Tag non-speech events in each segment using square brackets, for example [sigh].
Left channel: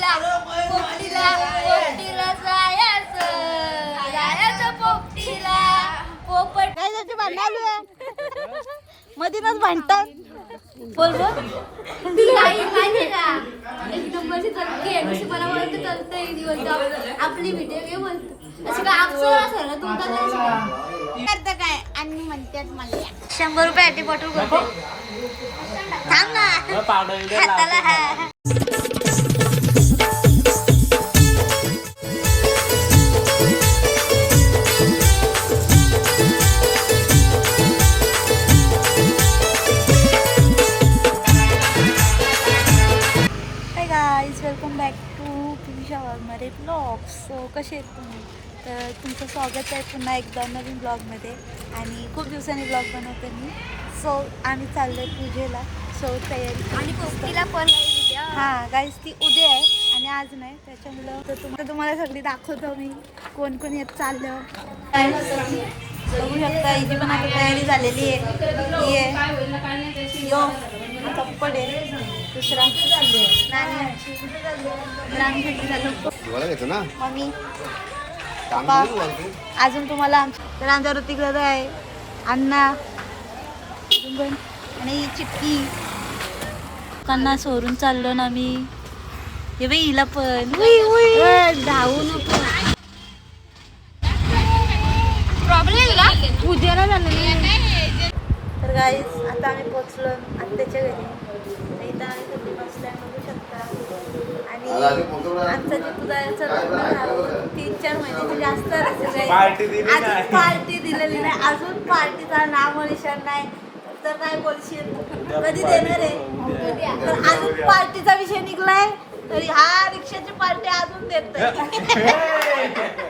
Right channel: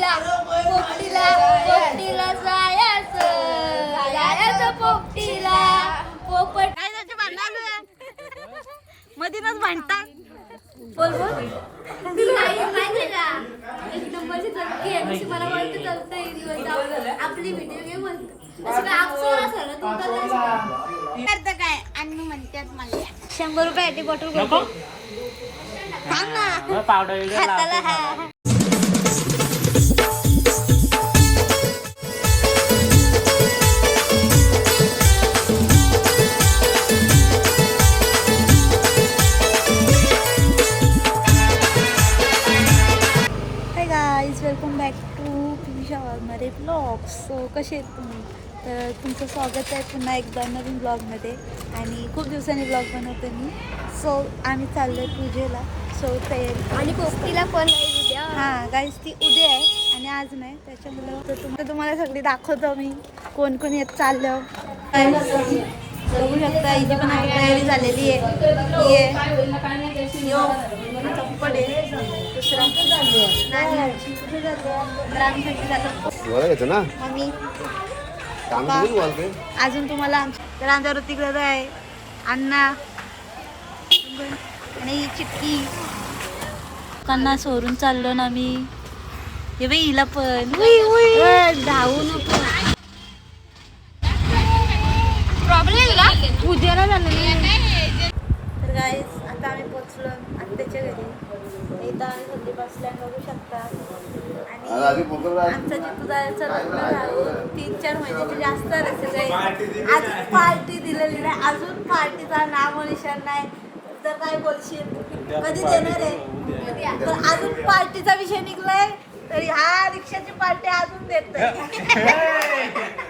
पोपटीला पोपटीला पोपटीला जायचं. जायचं पोपटीला. पोपट काय त्याचे भांडण मधीनच भांडतात. बोल बोल. ती आई माहितीये का? एक नंबरची चलती आहे. नुसती मला बोलते चलतं बोलतो आपली व्हिडिओ गेम बोलतो असं काय असेल ना तुमचा करतं काय? आणि म्हणतात मला शंभर रुपये बॉटल करतो. थांब ना. पावडर हाताला हा. गाईज वेलकम बॅक टू पिशा वर्मारे ब्लॉग्स सो कसे आहेत तुम्ही? तर तुमचं स्वागत आहे पुन्हा एकदा नवीन ब्लॉगमध्ये आणि खूप दिवसांनी ब्लॉग बनवते मी. सो आम्ही चाललो आहे पूजेला. सो तयारी आणि पोपटीला पण हां गाईज ती उद्या आहे आणि आज नाही. त्याच्यामुळं तर तुम्हाला तुम्हाला सगळी दाखवतो मी कोण कोण येत चाललं. बघू शकता हिची पण आता तयारी झालेली आहे. आहे. दुसरा मम्मी. अजून तुम्हाला तर आमच्या ऋतिक दादा आहे अण्णा? आणि ही चिटकी लोकांना सोडून चाललो ना मी. हे बाई हिला पण. धावू नको. प्रॉब्लेम उद्याला झालं तर गाईज आता आम्ही पोचलो आत्याच्या घरी. इथं आम्ही सगळी बसल्या बघू शकता. आणि आमचं जे पुजाऱ्याचं लग्न झालं तीन चार महिन्याचे जास्त असेल नाही. अजून पार्टी दिलेली नाही. अजून पार्टीचा नाव निशाण नाही. तर काय बोलशील? कधी देणार. आहे? तर अजून पार्टीचा विषय निघलाय. तर ह्या रिक्षाची पार्टी अजून देत [laughs] [laughs]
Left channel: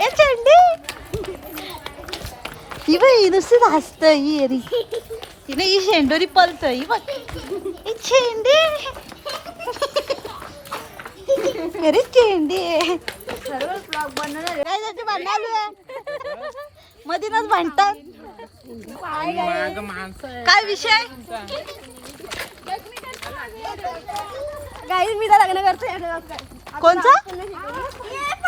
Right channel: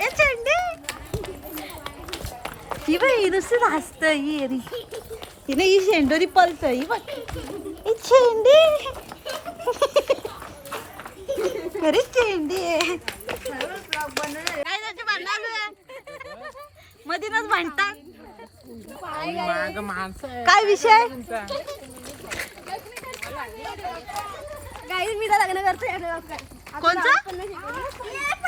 ए चेंडी ही बघ ही नुसती हसत ही अरे तिने ही शेंडोरी पलत ही बघ ए चेंडी खरी चेंडी आहे काय त्याचे भांडण मधीनच भांडतात काय विषय गाई मी तर लग्न करतोय कोणचं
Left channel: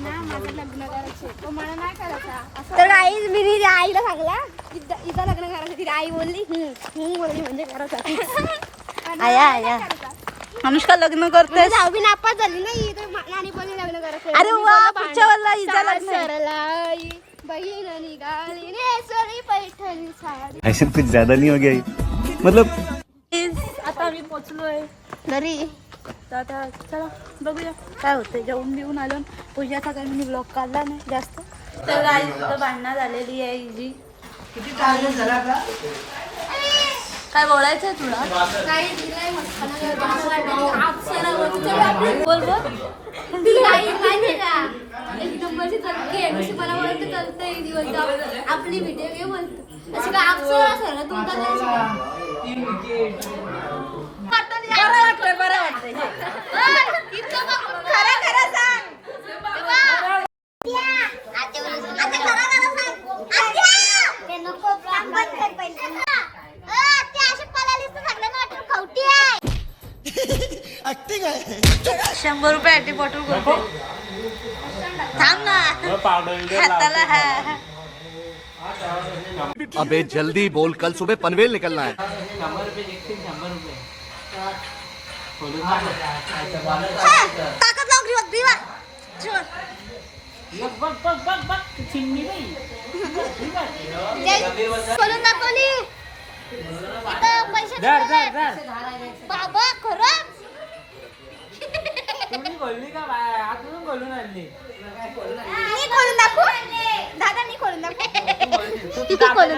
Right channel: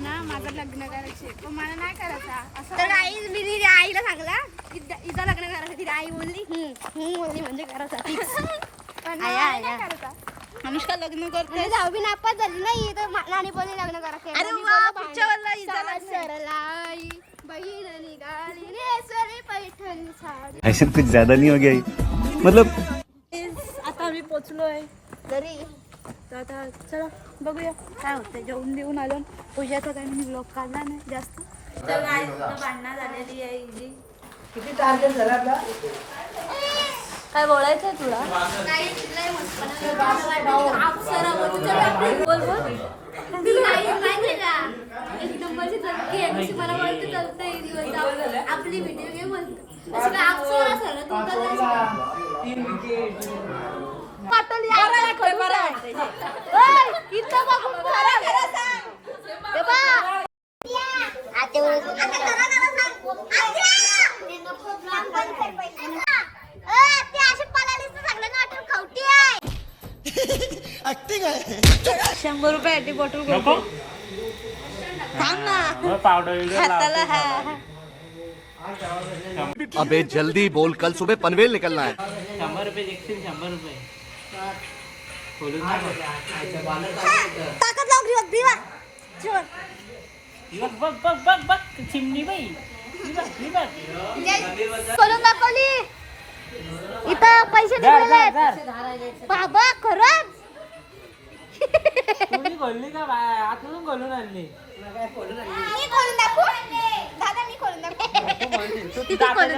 ना माझं लग्न करायचे पण मला नाही करायचा. तर आई मी तिच्या आईला सांगला इथं लग्न करायचं तिला आई बोलली हम्म हम्म बोलली म्हणजे करायचं आया आया. अनुष्का लग्न करतेस दहावी नापास झाली नाही तर मा- नानी बोलली लग्न करायचं. अरे वा पुढच्या वेळेला हिचं लग्न बहीण निघाली पैठणी साडी. ऐसा कुछ ज्यादा नहीं हो गया ये? मतलब आता आम्ही पोचलोय. घरी. तर आता चला बघूया काय होतंय. जेवून बिवून आलो पूजाचा काही मी ब्लॉग काढला नाही जास्त. तर काय भांडणं झालेली आहे इझी काय बोलायचंय तुला? बोल बोल. ती आई माहितीये का एक नंबरची चलती आहे मला बोलते चलतं एक दिवस आपली व्हिडिओ गेम बोलतो असं काय अक्षर असेल ना तुमचा शंभर रुपये साठी बॉटल करतो थांब ना. हाताला हा. अबे जल्दी बोल कल सुबह पनवेल निकलना है। शंभर रुपये शंभर. ताकद. बघ बघ बघ बघ बघ चिमणी बाई खोलून दाखवली इथं पैसे. बाबा खरंच बोलली का आतून बोलून आणली खोलून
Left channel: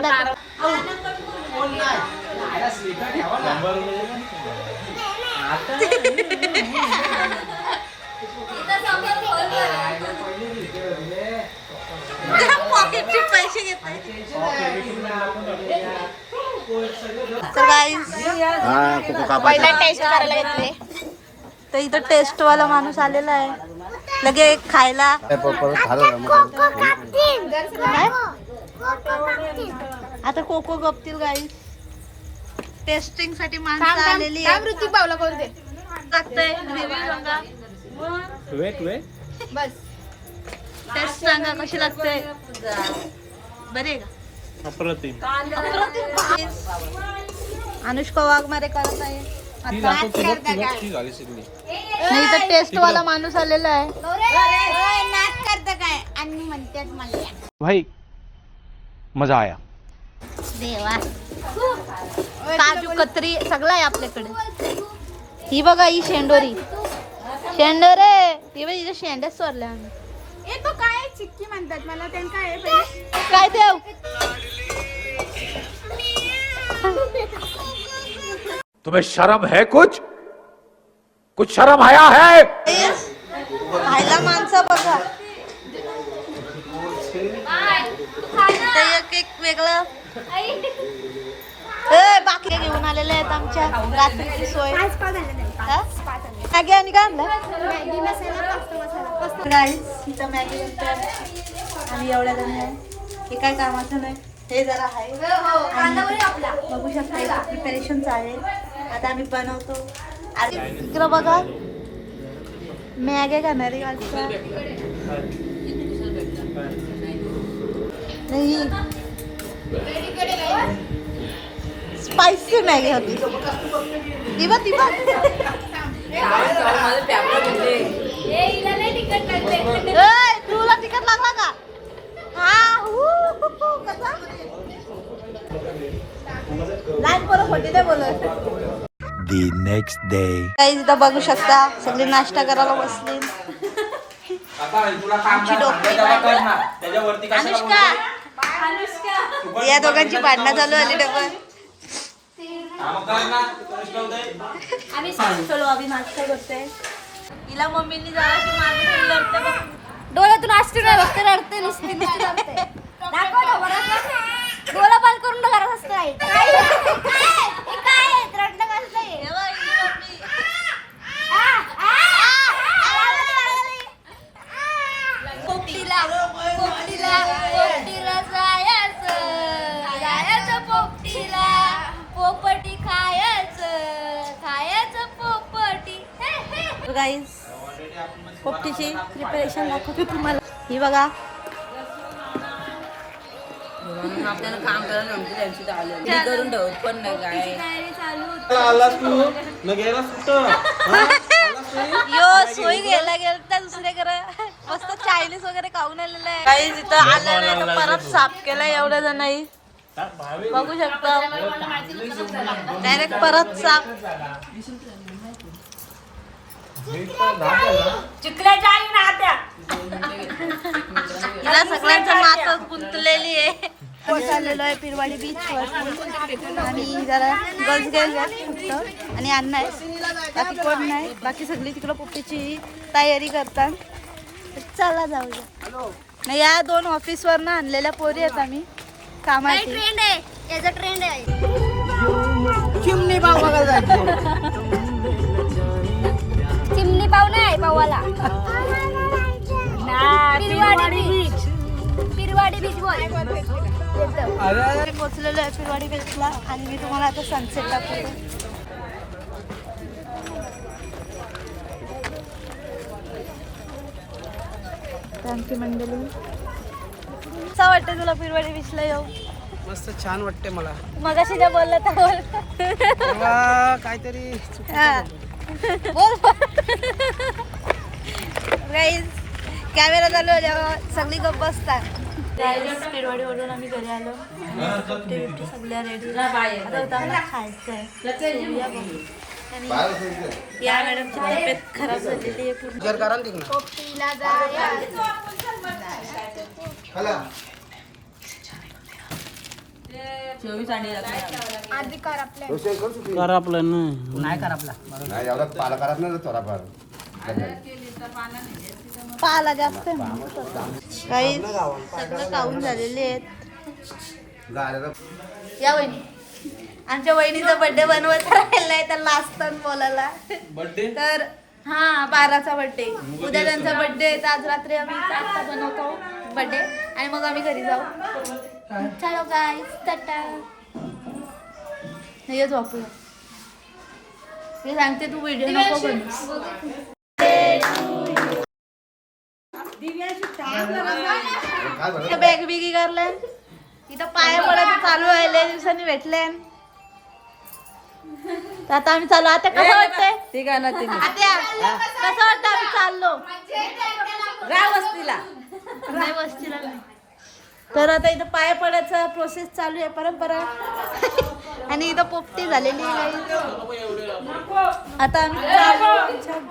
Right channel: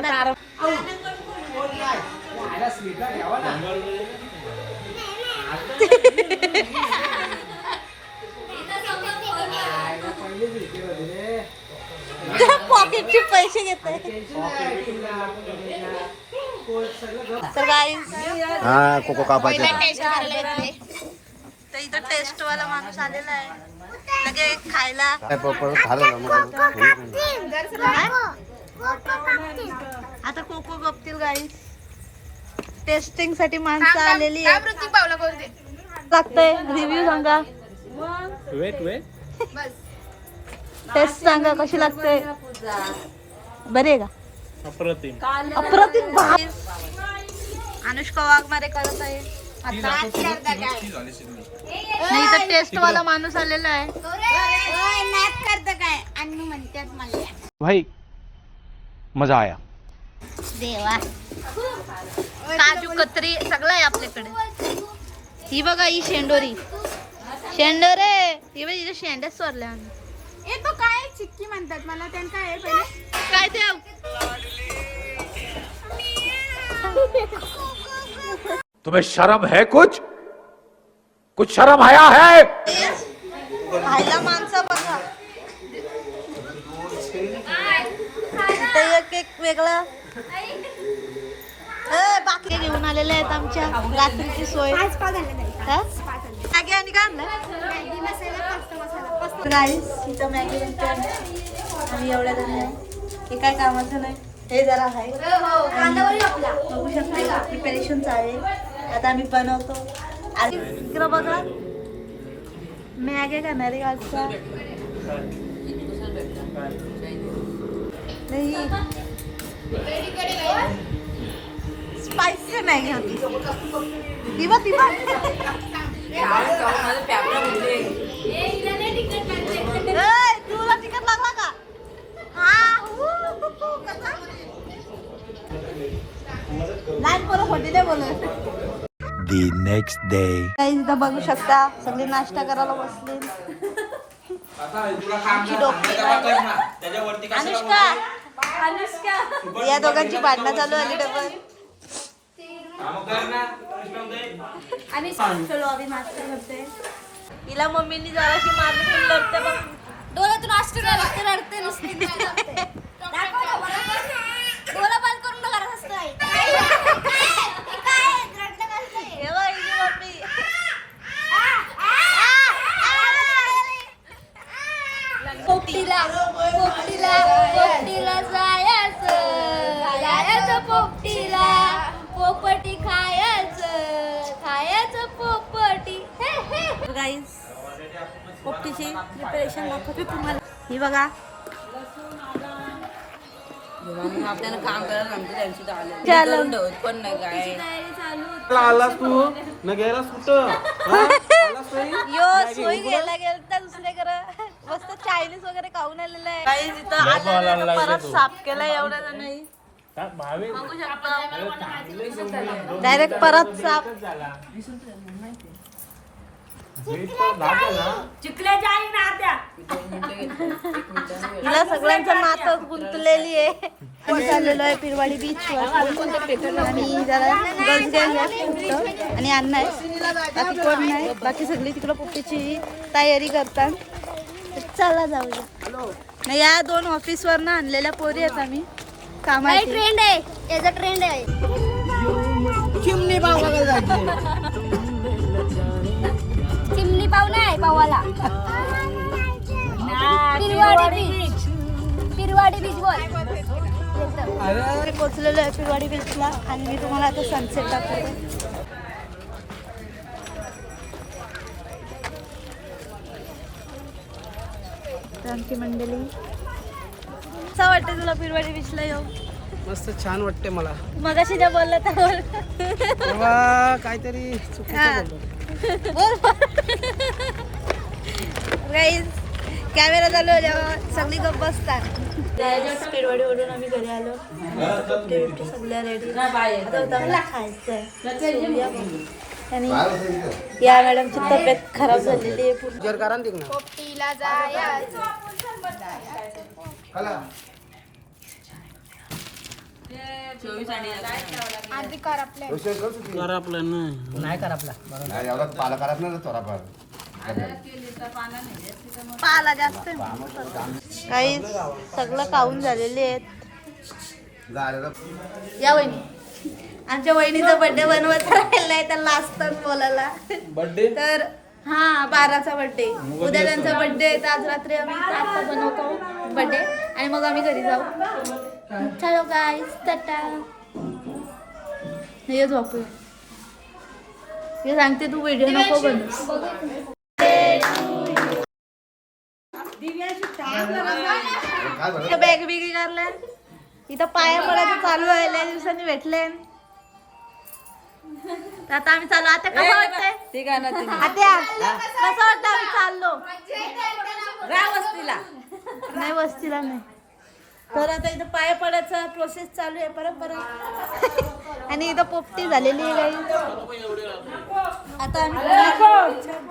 दाखवू? पॉकेटचे पैसे तर पहिला टेस्ट तर इथं टेस्ट वाला माणूस आलेला आहे. लगे खायला. आता कोको गपतील गाईस टेस्टिंगसाठी माणसं आलेली आहे लागतंय रिव्ह्यू सांगा. Weight weight. टेस्ट सांगा कशी लागते? बरे का? अप्रतिम. अप्रतिम. अनुष्का वाघमारे करत आहे. आता नाही तर टेस्ट वाला माणूस आलेला आहे. भाई मजा आया. देवा काजू कत्री सगळं आहे आपल्याकडे. ही बघा ही शेंडोरी. शेंडोरे. ही बघ हिच्या शेंड्याच चोरल्या आम्ही. तो काय चिक्की म्हणतात. मला त्यांना काय आहे पहिले? काय ठेव तुम्हें शर्म है कुछ? कुछ शर्म आया है? खायला माणसं बघा ते एक एक वेगळं. बाकी घेऊन आलेले आहेत आमच्या रात्रीची सोय? मॅगी आणि काय आणलं? मॅगी बनते. आम्ही एवढ्या जण हे काय कामाचं नाही. हे जरा आहे. बघू शकता प्रिपरेशन चालेल आता आम्ही बनवतो. आणि इकडं बघा. मॅगी खाणार आहे आजचा. स्पायसी मॅगी होती दिवा दिवा. ए, तुला तिकट लागला का? कसा? लहान पोरं खोटी नाही बोलत. The next day. काही इथं बघू शकता सगळे नाश्ता करायला बसले. आमची. अनुष्का या दोघांची भांडणं चालू आली डबल. चलो आम्ही नाश्ता हिला मम्मीनी जरा की माझं लढते बघ. डोळ्यातून अष्टी रडते रडते. नुसती. डोळा बंद करून रडणं कसं आहे हे बघ, हिची मम्मी पोपटीला पोपटीला पोपटीला जायचं जायचं पोपटीला. पोपटी खायचं खायचं पोपटी. गाईज पोपटीची प्रिपरेशन दाखवते तुम्हाला. ही बघा. आपल्याला काम करायला नंतर त्यांची तर आले. घरी करून ठेवत पण नाही काय. तयारी चालू होती. आलास तू. मग गेला कुठं? यो सोय घ्यायला गेलं तर दुसऱ्याकडे मस्त चायनीज वगैरे खाऊन आलेलं आहे. काही तिथं आलं नाही तर परत साफ केलंय एवढ्या जणांनी. बघू शकता. डायरेक्ट परत साफ हिला सगळ्यांचं नातं गुंतलेली आहे. आम्ही चाललेलो आहे पिरवाडी बीच वर. आणि जरा गर्ल्स गेले आहेत फक्त. आणि अण्णा आहे बाकी कोण नाही. बाकी सगळी तिकडं पोपटीची तयारी करतात. तर चला जाऊया. नाही या दोन ऑफिसवर ना आणलेल्या पोरी आहेत आम्ही. कामाची. ट्रेंड आहे? याचा ट्रेंड आहे. चिमणी पाव नाही पावाला. पिरवाडी बीच पिरवाडी बीच बोल मी पोचलेलो आहे पिरवाडी बीचला आणि मी तुम्हाला आता सनसेट दाखवते. तर आमची मंडळी. कसं वाटतं तुला पिरवाडी बीचला येऊ मस्त छान वाटते मला. मगाशी ज्या बोलला तर बोल. तेव्हा काहीतरी हा. बोल. गाईज कॅमेरा चालू आहे जेव्हा सगळी गप्प बसतात. पिरवाडी ओढून आम्ही घरी आलो. आणि आता कपडे बिपडे सगळ्या रेडी आता होतं खायचं आहे या बघू. आणि या मॅडमची तब्येत खराब झालेली आहे पूर्ण. जर करा ना तिकडं. चोवीस आणि कर आपलं ना नाही करा आपला. नाही एवढा पाला करत नाही थोडाफार पाला जास्त. काही सगळं खाऊन झालेले आहेत. या वहिनी. आमच्या वहिनीचा बर्थडे बनवत राहिलाय तर लास्ट बोलायला. तर हा बाराचा बर्थडे उद्या त्यांचा बर्थडे आहे तर आज रात्री आम्ही आता बनवतो बर्थडे आणि मग आम्ही घरी जाऊ. चलो गाय टाटा हे झोपूया हे सांगते तू व्हिडिओ नको बनव. काय बॅग बिगी करल्या. इथं पाया पडायचं चालू आहे लय दिवसांनी भेटले तर आता आम्ही चालू आता कसं वाटतंय? ठीक आहे ना तिने आत्या कसं वाटतं आम्ही चाललो? जा वस्तीला. नाही वस्तीला नाही. तर आता इथं पाया पडायचा प्रोसेस चालू आहे परंपरा. आणि इथं पोपटी झालेली आहे. आता आम्ही चाललो.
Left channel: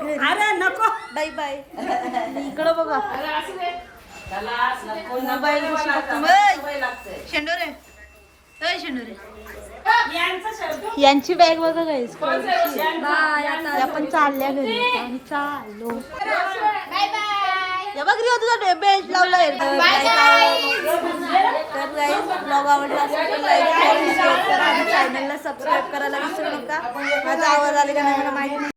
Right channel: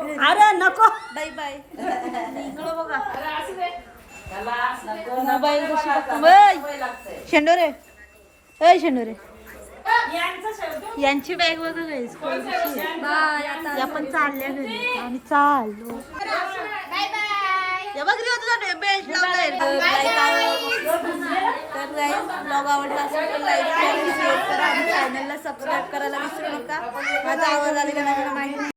घरी. अरे नको. बाय बाय इकडं बघा. मोबाईल कशी बघता शेंडोरे. अय शेंडोरे. यांची बॅग बघा गाईस बाय आता आपण चालल्या घरी. आम्ही चाललो या बघ रे तुझा बेस्ट लावलाय. तर गाईस ब्लॉग आवडला. असेल तर लाईक करा शेअर करा. आणि चॅनलला सबस्क्राईब करायला विसरू नका. माझा आवाज आले का नाही मला माहिती नाही.